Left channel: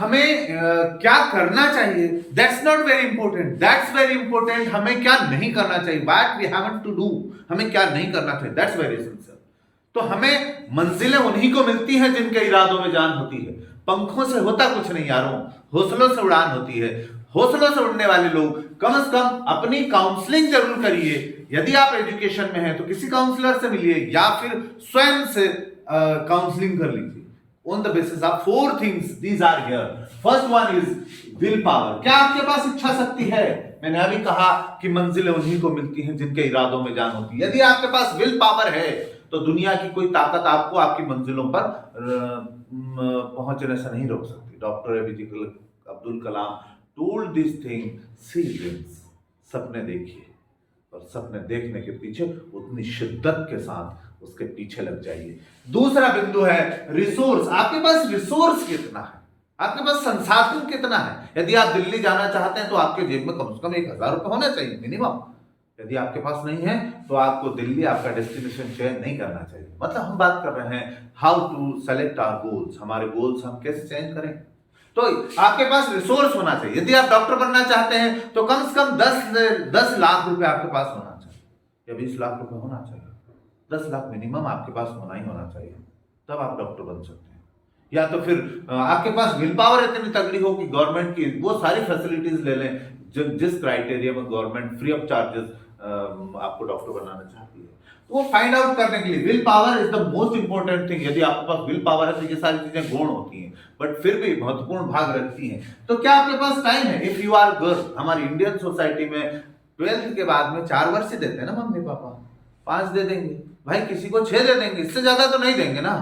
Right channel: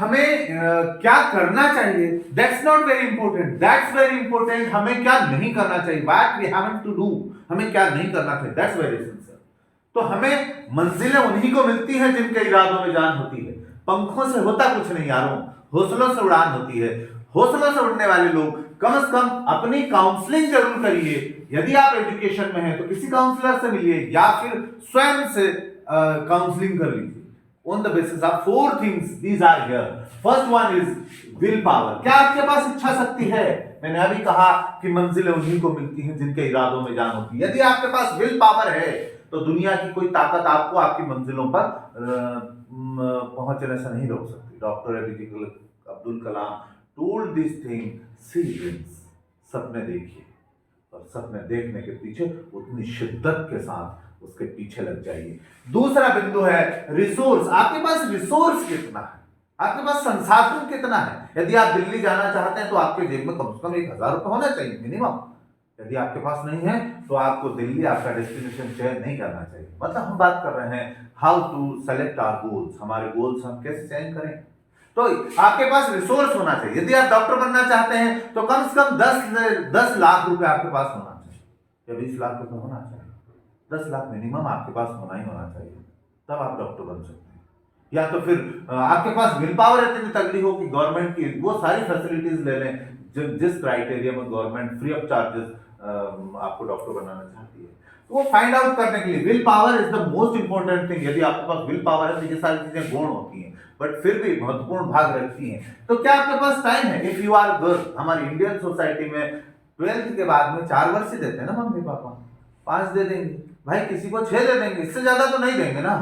हमें क्या करना चाहिए, that's not very important, that's very important. हमें क्या नहीं करना चाहिए, what we have to do, हमें क्या नहीं करना चाहिए, दैट्स वेरी एसेंशियल। तो हमें मंजिलें उन्हीं को मिलती हैं जिनके इरादों में जान होती है। पंखों से होता कुछ नहीं यारों, हौसलों से उड़ान होती है। हौसलों से उड़ने वाले लोग कम से कम अपनी काउंसलिंग जरूर करिए। यदि आप एजुकेशन में हैं तो किसी काउंसलर से मिलिए या फिर स्वयं से काउंसलिंग कर लीजिए। On the basis of four things, these are here. First one is will power. क्या आपके पास इच्छा शक्ति है? मैंने अभी कहा कि मंजिलें उन्हीं को मिलती हैं जिनके इरादों में जान होती है। यदि आपके पास विल पावर है तो दुनिया की कोई ताकत आपको आपकी मंजिलों पर पहुंचने से नहीं रोक सकती। Doctor APJ Abdul Kalam told this thing, see dreams, सपने देखिए और सपने देखने के पीछे उतनी शिद्दत के साथ उसके पीछे लग जाइए। दूसरा बिंदु है रिसोर्स। आपके पास रिसोर्स कितना है, आपके पास संसाधन कितना है। यदि आप दिल्ली जाना चाहते हैं तो आपके जेब में कम से कम 1,000 रुपए होना चाहिए मिनिमम। यदि आपके पास नहीं है तो आपको दिल्ली आपका डेस्टिनेशन चयन नहीं करना चाहिए। मतलब हम बात कर रहे हैं how to select our goals, हमारे गोल्स हम कैसे चयन करें। तो आपके पास रिसोर्स होना चाहिए। यदि आप डॉक्टर बनना चाहते हैं तो कम से कम 10 लाख रुपए आपके पास होना चाहिए या 20 लाख रुपए होना चाहिए। 10 लाख मिनिमम आपके पास होना ही होना चाहिए, तब आप डॉक्टर बन सकते हैं। या तो फिर आपके पास विल पावर इतनी तगड़ी हो कि गवर्नमेंट की वो सारी फैसिलिटीज ले लें जिस क्राइटेरिया में गवर्नमेंट फ्री ऑफ चार्जेस आपको डॉक्टर बनाना चाहती है। तो वो फाइंड आउट करने के लिए will power is the most important thing. यदि आपके पास विल पावर है तो ये सारी चीजें गौण होती हैं बट फिर भी महत्वपूर्ण भाग रखती हैं। तो क्या आपके पास टाइम है? इफ यू आर गर्ल, हमारी इंडियन सोसाइटी में 12th के बाद में 4 वर्ष देते हैं ना मम्मी पापा, 5 दे देंगे भाई, किसी को 6 दे देंगे, इससे ज्यादा तो नहीं देंगे ना।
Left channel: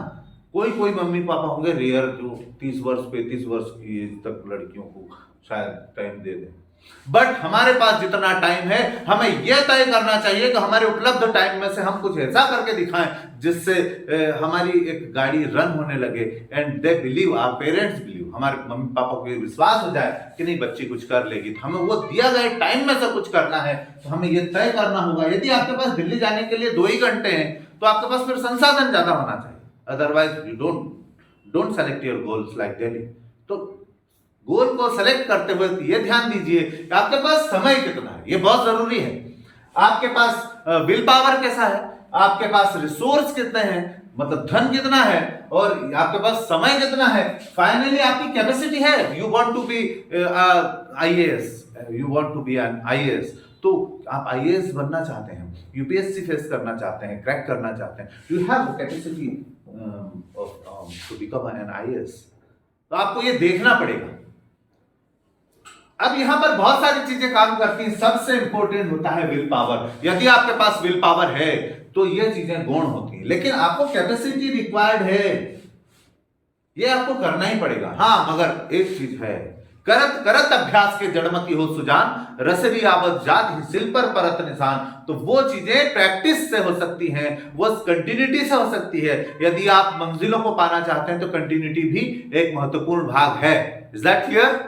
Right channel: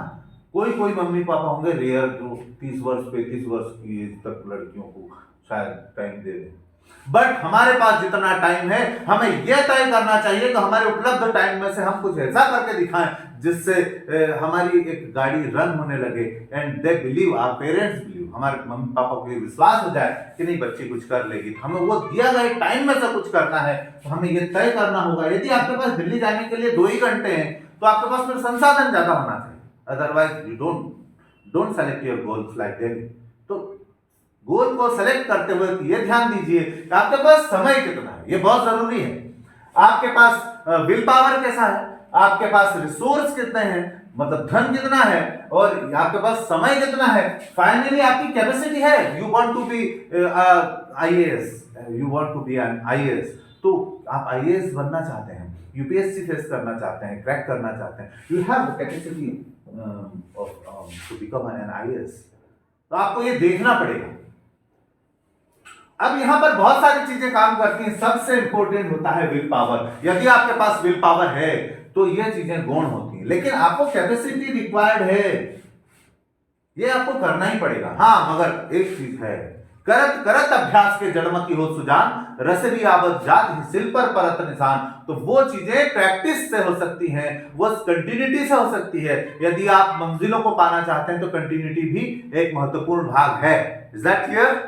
कोई मम्मी पापा होंगे रेयर जो 30 वर्ष 35 वर्ष की एज तक लड़कियों को शायद टाइम दे दें। बट हमारे पास जितना टाइम है हमें यह तय करना चाहिए कि हमारे उपलब्ध टाइम में से हम कुछ ऐसा करके दिखाएं जिससे हमारी एक गाड़ी रन होने लगे and they believe, our parents believe, हमारे मम्मी पापा को ये विश्वास हो जाए कि नहीं बच्ची कुछ कर लेगी। तो हमें वो दिया गए टाइम में से कुछ करना है तो हमें ये तय करना होगा। यदि आपके पास दिल्ली जाने के लिए 2 ही घंटे हैं तो आपके पास फिर संसाधन ज्यादा होना चाहिए, otherwise you don't select your goals like Delhi. तो गोल को सेलेक्ट करते हुए ये ध्यान दीजिए कि आपके पास समय कितना है, ये बहुत जरूरी है। आपके पास विल पावर कैसा है, आपके पास रिसोर्स कितने हैं, मतलब धन कितना है, और आपके पास समय कितना है। फाइनली आपकी कैपेसिटी है। You want to be IAS, you want to be an IAS, तो आप आईएएस बनना चाहते हैं, यूपीएससी फेस करना चाहते हैं, क्रैक करना चाहते हैं, you have the capacity to become an IAS. तो आपको ये देखना पड़ेगा। अब यहां पर बहुत सारी चीजें काम करती हैं, सबसे इंपॉर्टेंट होता है विल पावर। यदि आपके पास विल पावर है तो ये चीजें गौण होती हैं, लेकिन आपको कैपेसिटी रिक्वायर्ड है, ये आपको करना ही पड़ेगा। हाँ, मगर एक चीज है, करत करत अभ्यास के जड़मती हो सुजान, रसरी आवत जात ही सिल पर परत निशान। तो वो चीजें प्रैक्टिस से हो सकती हैं, वो कंटिन्यूटी से हो सकती है। यदि आप मंजिलों को पाना चाहते हैं तो कंटिन्यूटी भी एक महत्वपूर्ण भाग है। Is that clear?